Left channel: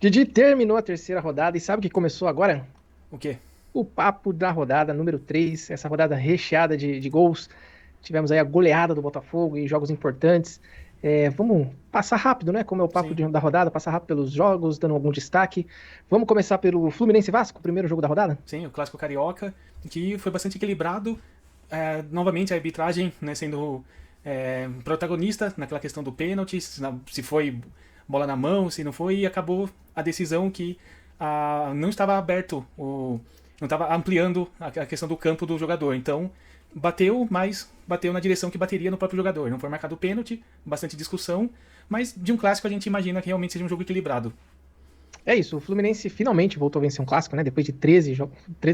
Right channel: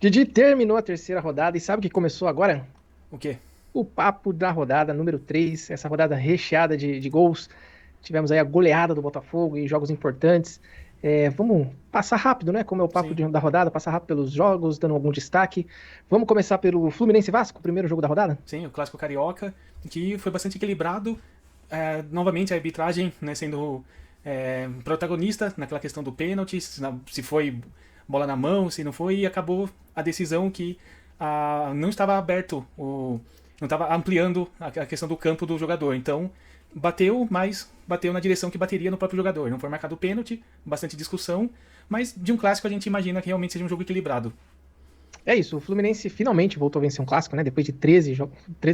Didi terminou a terceira rodada e sabe o que começou agora? O quê? O papo da rodada número 3, essa rodada recheada de gols. Tivemos aí a goleada do Botafogo e jogos importantes. Vamos passar rápido, né? Como é o papo Sim, da rodada, passar rápido pelos jogos, dando algum destaque. Vamos começar pelo Fluminense e Vasco, o primeiro jogo da rodada? sim, o clássico carioca, que foi bastante equilibrado. Novamente a arbitragem, né, sendo protagonista naquela questão do pênalti, se foi bola na mão, se não foi, e acabou a decisão que não estava aberto, não estava ampliando a questão do campo do jogador. Então bateu, mas bateu na direção que bateria no próprio jogador. Não foi marcado o pênalti, bastante discussão, mas de um clássico a gente imagina que realmente seja um jogo equilibrado. É isso, o Fluminense finalmente voltou a vencer um clássico, né? Depois de 13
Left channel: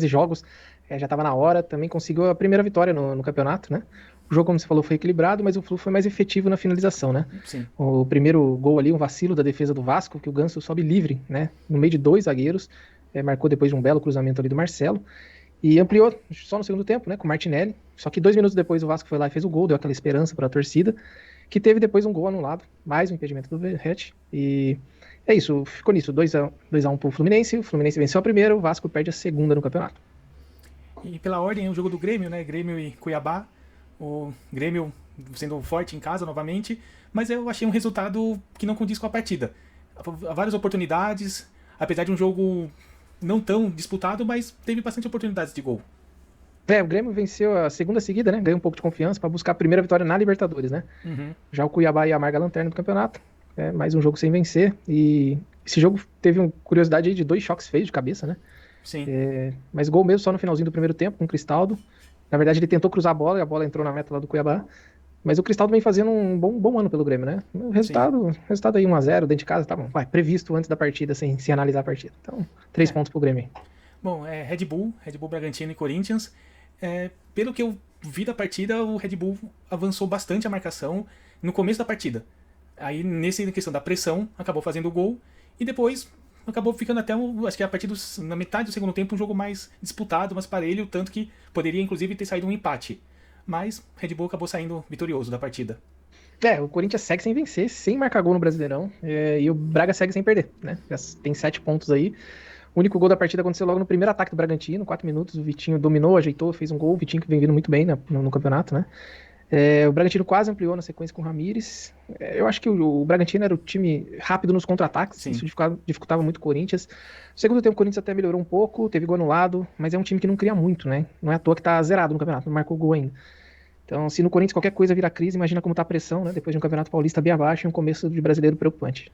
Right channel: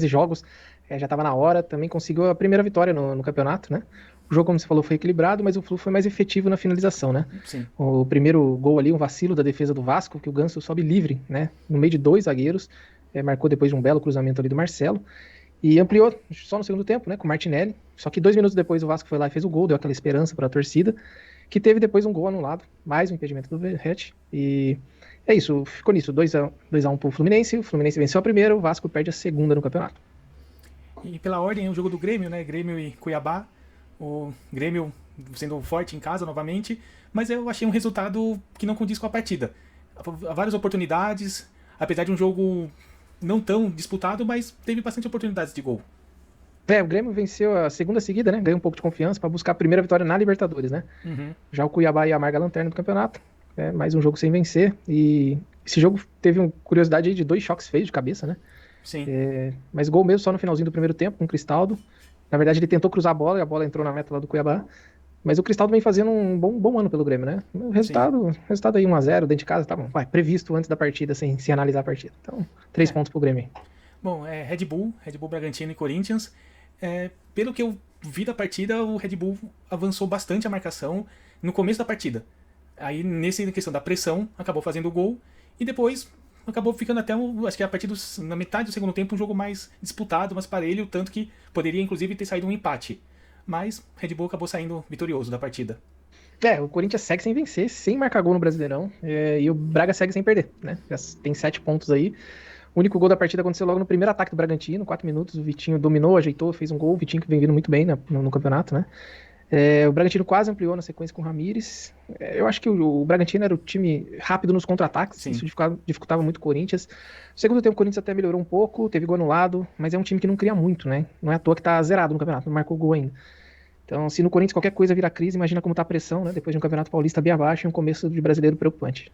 jogos, já estava na hora. Também conseguiu a primeira vitória no campeonato, né? O jogo, como você falou, foi equilibrado, mas o Flu foi mais efetivo na finalização, né? Sim. O primeiro gol ali, um vacilo da defesa do Vasco, que o Ganso sobe livre, né? No meio de dois zagueiros, marcou depois de um belo cruzamento ali do Marcelo. E ampliou só no segundo tempo, né? Com o Martinelli. Só que 2 minutos depois o Vasco foi lá e fez o gol, deu aquela esperança para a torcida, que teve depois um gol anulado, mais um impedimento do Verratti. E é isso, ficou nisso, 2x1 pro Fluminense, o Fluminense venceu a primeira, o Vasco perde a segunda no campeonato. E pela ordem, o jogo do Grêmio, né? Grêmio e Cuiabá. O Grêmio sendo forte em casa novamente, mas eu achei um resultado que não condiz com a partida. Há várias oportunidades, apesar de um jogo não tão disputado, mas teve bastante oportunidades de gol. O Grêmio venceu a segunda seguida, né? Ganhou um pouco de confiança para buscar a primeira vitória na Libertadores, né? Uhum. Já o Cuiabá ia amarga a lanterna do campeonato, né? Mais um jogo sem vencer. E esse jogo teve uma curiosidade aí de dois choques feios de cabeça, né? Sim. Mas gol mesmo só no finalzinho do primeiro tempo, com o Cristaldo. Na verdade, ele tentou cruzar a bola e a bola entrou na meta lá do Cuiabá. Mas o Cristaldo vem fazendo um bom ano pelo Grêmio, né? O Sim. resultado aí 1x0 dentro de casa, tá bom. Vai, previsto antes da partida, sem analisar a partida. Então, 3 pontos pro Grêmio. Bom, Red Bull Bragantino e Corinthians. Pelo que eu vi da partida, o Red Bull avançou bastante a marcação no começo da partida. Aí, nessa questão da pressão, acabou fazendo o gol e depois acabou ficando até, acho que a partir na metade do segundo tempo, um jogo mais disputado, mais parelho, tanto que poderia inclusive ter saído um empate. Mas Red Bull acabou saindo vitorioso da partida. O Corinthians segue sem vencer, sem marcar gol no Brasileirão. E o Braga segue sem perder, né? Já tem 7 pontos aí. O único gol da partida aconteceu logo no primeiro ataque do Bragantino, 4 minutos. O Vitinho dominou, ajeitou, fez um gol. O Vitinho que vem vindo muito bem no campeonato, né? O Bragantino quase ampliou na sequência com o Ramires. Eu acho que o Bragantino era o time rápido nos contra-ataques, isso Sim. dificultava muito o Corinthians. No segundo tempo, o Corinthians até melhorou um pouco, teve gol anulado, mas é um time que não cria muito, né? Não é à toa que tá zerado no campeonato, não marcou gol ainda. Então, se no Corinthians qualquer coisa virar crise, imagina como tá a pressão, né? Depois de um campeonato paulista bem abaixo e um começo de brasileiro preocupante.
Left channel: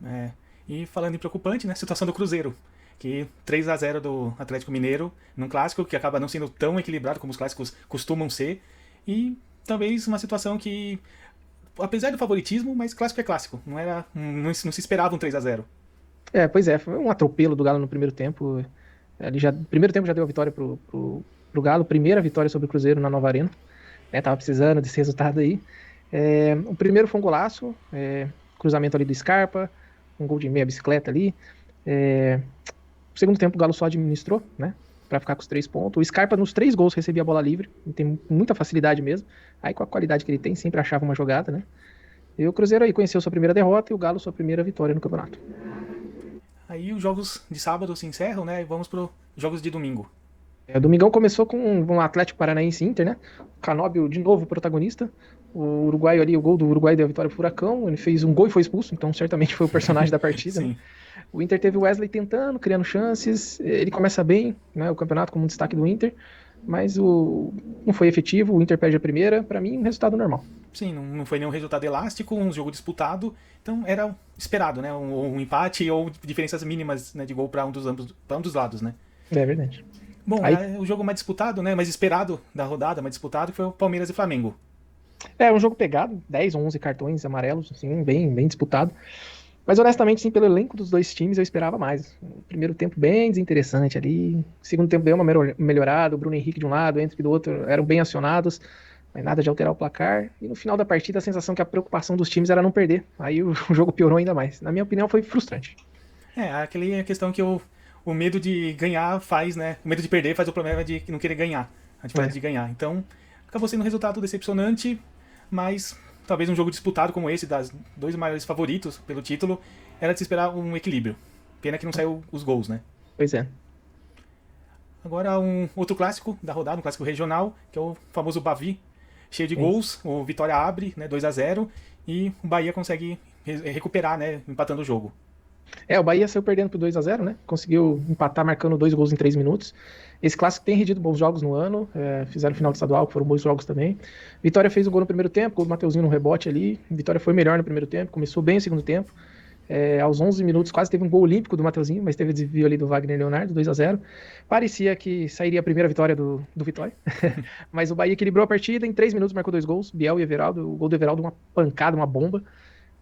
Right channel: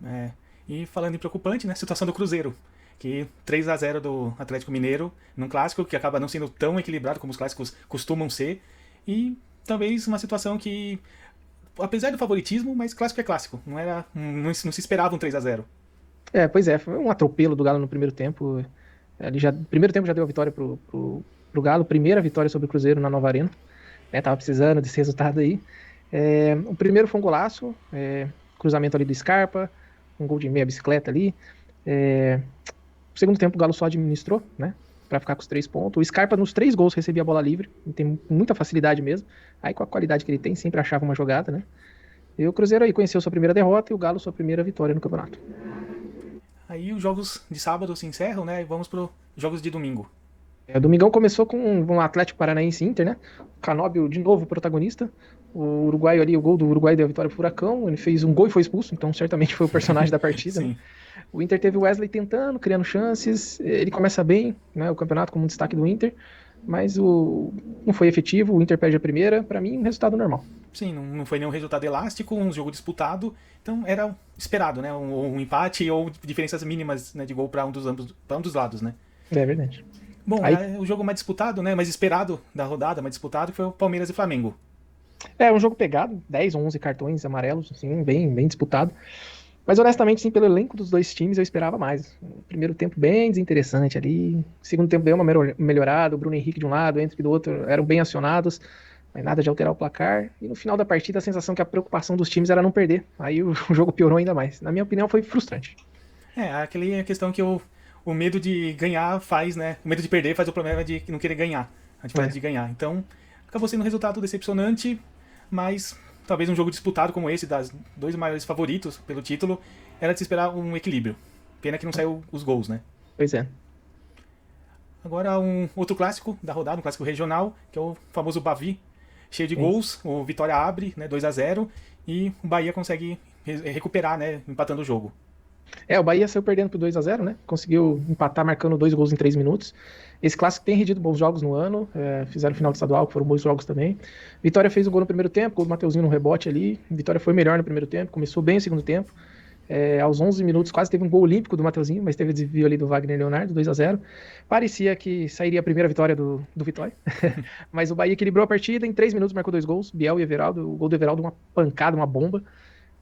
E falando em preocupante, né, a situação do Cruzeiro. Que 3-0 do Atlético Mineiro num clássico que acaba não sendo tão equilibrado como os clássicos costumam ser. E talvez uma situação que, apesar do favoritismo, mas clássico é clássico. Não se esperava um 3-0. Pois é, foi um atropelo do Galo no primeiro tempo. Primeiro tempo já deu a vitória pro Galo, primeira vitória sobre o Cruzeiro na Nova Arena. Tava precisando desse resultado aí. O primeiro foi um golaço, cruzamento ali do Scarpa, um gol de meia bicicleta ali. No segundo tempo o Galo só administrou, né? Pra ficar com os 3 pontos. O Scarpa nos 3 gols recebia a bola livre, tem muita facilidade mesmo. Aí com a qualidade que ele tem, sempre achava uma jogada, né? E o Cruzeiro aí conheceu sua primeira derrota e o Galo sua primeira vitória no campeonato. Aí os jogos de sábado se encerram, né? E vamos para os jogos de domingo. O Domingão começou com um Atlético Paranaense Inter, né? O Canóbio de novo protagonista. O uruguaio ali, o gol do Uruguai deu a vitória pro Furacão. Ele fez um gol e foi expulso, então certamente foi o personagem da partida, né? Sim. O Inter teve o Wesley tentando, criando chances. Ele começa bem, né? O campeonato como um destaque do Inter, mas não foi efetivo. O Inter perde a primeira. Para mim, um resultado normal. Sim, não foi nenhum resultado elástico, um jogo disputado. Então era esperado, né? Um empate ou diferenças mínimas, né, de gol para um dos lados, né? É verdade. Bom, Aí, o jogo mais disputado, né? Mais esperado da rodada, mais disputado, foi o Palmeiras e Flamengo. um jogo pegado, 10 ou 11 cartões amarelos, assim, bem disputado. Mas honestamente, sim, pelo elenco dos dois times, eu esperava mais. Primeiro tempo bem desinteressante ali. Segundo tempo bem melhorado. O Bruno Henrique de um lado, o Henrique do outro eram bem acionados. Mas nada de alterar o placar. E no final da partida, a sensação que a preocupação dos times era não perder. Aí o jogo piorou ainda mais. Na minha opinião, foi frustrante. Aquela questão que o medo de ganhar faz, né? O medo de perder faz o problema de não querer ganhar. A diferença É. de ganhar. Então, acabou sendo um resultado decepcionante, mas talvez um jogo disputado como esse, das dois maiores favoritos pelo título, era de se esperar um equilíbrio. Pena que não saiu os gols, né? Pois é. Agora um outro clássico da rodada, um clássico regional, que é o famoso Bavi, cheio de gols. O Vitória abre, né, 2-0, e o Bahia consegue recuperar, né, empatando o jogo. O Bahia saiu perdendo por 2-0, né? Conseguiu empatar marcando 2 gols em 3 minutos. Esse clássico tem rendido bons jogos no ano. Fizeram final de estadual, que foram bons jogos também. Vitória fez o gol no primeiro tempo, gol do Mateuzinho no rebote ali. Vitória foi melhor no primeiro tempo, começou bem no segundo tempo. Aos 11 minutos quase teve um gol olímpico do Mateuzinho, mas teve desvio ali do Wagner Leonardo, 2-0. Parecia que sairia a primeira vitória do Vitória. Mas o Bahia equilibrou a partida, em 3 minutos marcou 2 gols, Biel e Everaldo. O gol do Everaldo, uma pancada, uma bomba.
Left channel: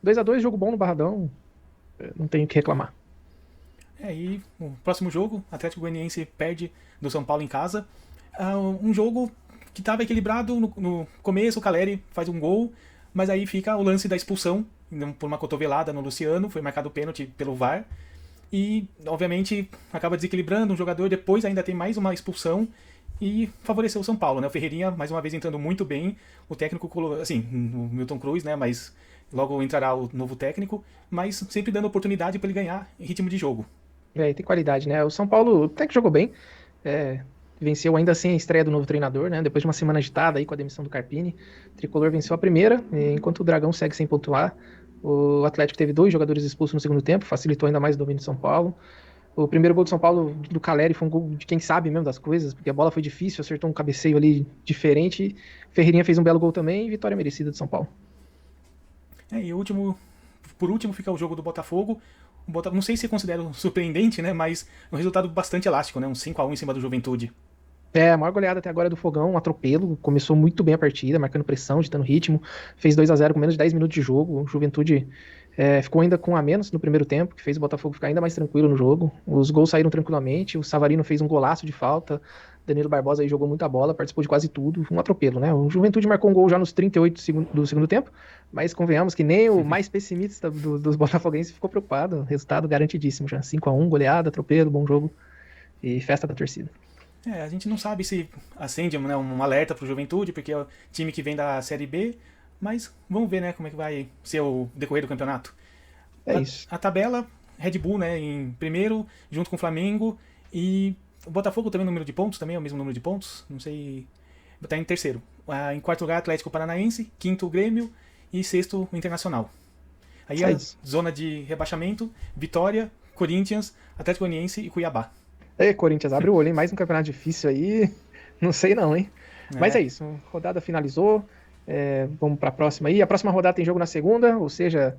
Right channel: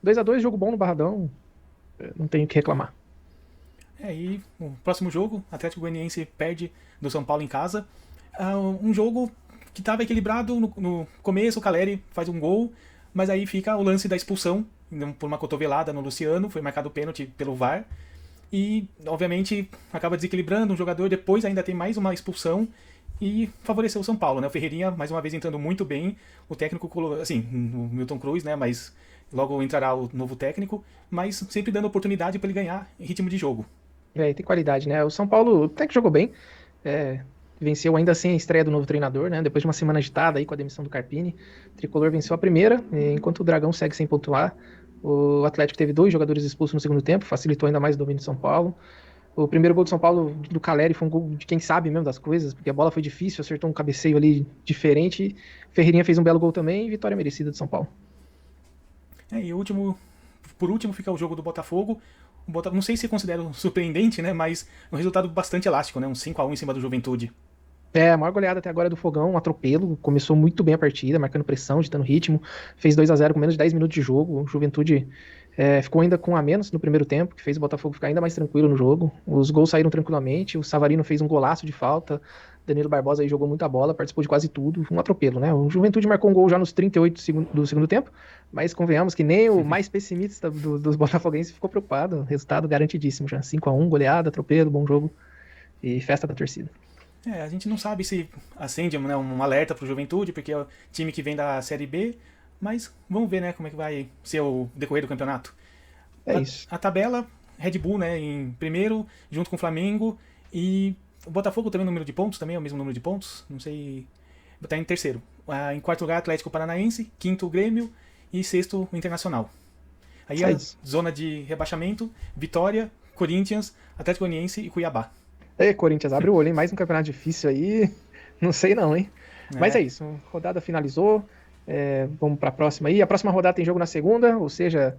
2-2, jogo bom no Barradão, não tem o que reclamar. E o próximo jogo, Atlético Goianiense perde do São Paulo em casa. Um jogo que estava equilibrado no começo, o Caleri faz um gol, mas aí fica o lance da expulsão por uma cotovelada no Luciano, foi marcado o pênalti pelo VAR. E, obviamente, acaba desequilibrando um jogador, depois ainda tem mais uma expulsão e favoreceu o São Paulo, né? O Ferreirinha, mais uma vez, entrando muito bem. O técnico, assim, o Milton Cruz, né? Mas logo entrará o novo técnico, mas sempre dando oportunidade para ele ganhar em ritmo de jogo. Tem qualidade, né? O São Paulo até que jogou bem, venceu ainda assim a estreia do novo treinador, né? Depois de uma semana agitada aí com a demissão do Carpini, o Tricolor venceu a primeira, enquanto o Dragão segue sem pontuar. O Atlético teve 2 jogadores expulsos no segundo tempo, facilitou ainda mais o domínio do São Paulo. O primeiro gol do São Paulo, do Caleri, foi um gol de quem sabe mesmo das coisas, porque a bola foi difícil, acertou um cabeceio ali diferente. Ferreirinha fez um belo gol também e vitória merecida do São Paulo. E por último fica o jogo do Botafogo. Não sei se considera surpreendente, né? Mas um resultado bastante elástico, né? Um 5-1 em cima do Juventude. A maior goleada até agora é do Fogão, um atropelo. Começou muito bem a partida, marcando pressão, ditando ritmo. Fez 2-0 com menos de 10 minutos de jogo. O Juventude ficou ainda com a menos no primeiro tempo, que fez o Botafogo ficar ainda mais tranquilo no jogo. Os gols saíram tranquilamente. O Savarino fez um golaço de falta. O Danilo Barbosa aí jogou muita bola, participou de quase tudo. Foi um atropelo, né? O Juventude marcou um gol já nos 38 do segundo tempo. Mas convenhamos que nem o mais pessimista dos botafoguenses ficou preocupado. Resultado garantidíssimo já. 5-1, goleada, atropelo, bom jogo e festa da torcida. A gente não sabe se acende, né, um alerta pro Juventude, porque é o time que vem da Série B, mas vamos ver, né, como é que vai ser o decorrer do campeonato. Isso. A tabela, Red Bull, né, em primeiro, junto com o Flamengo, e o Botafogo também, número de pontos, também é o mesmo número de pontos, não sei, está em terceiro. Em quarto lugar, Atlético Paranaense, quinto, Grêmio, e sexto, o Internacional. Aí a zona de rebaixamento, Vitória, Corinthians, Atlético Goianiense e Cuiabá. Corinthians, abre o olho, hein? Mais um campeonato difícil aí. Não sei não, hein? Mas é isso, a rodada finalizou. Vamos para a próxima aí. A próxima rodada tem jogo na segunda, ou seja,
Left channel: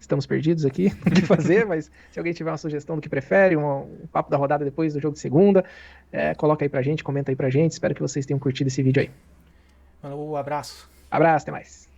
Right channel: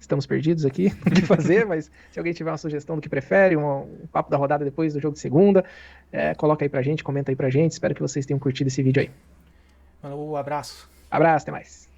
estamos perdidos aqui o que fazer, mas se alguém tiver uma sugestão do que prefere, um papo da rodada depois do jogo de segunda, coloca aí pra gente, comenta aí pra gente. Espero que vocês tenham curtido esse vídeo aí. Um abraço. Abraço, até mais.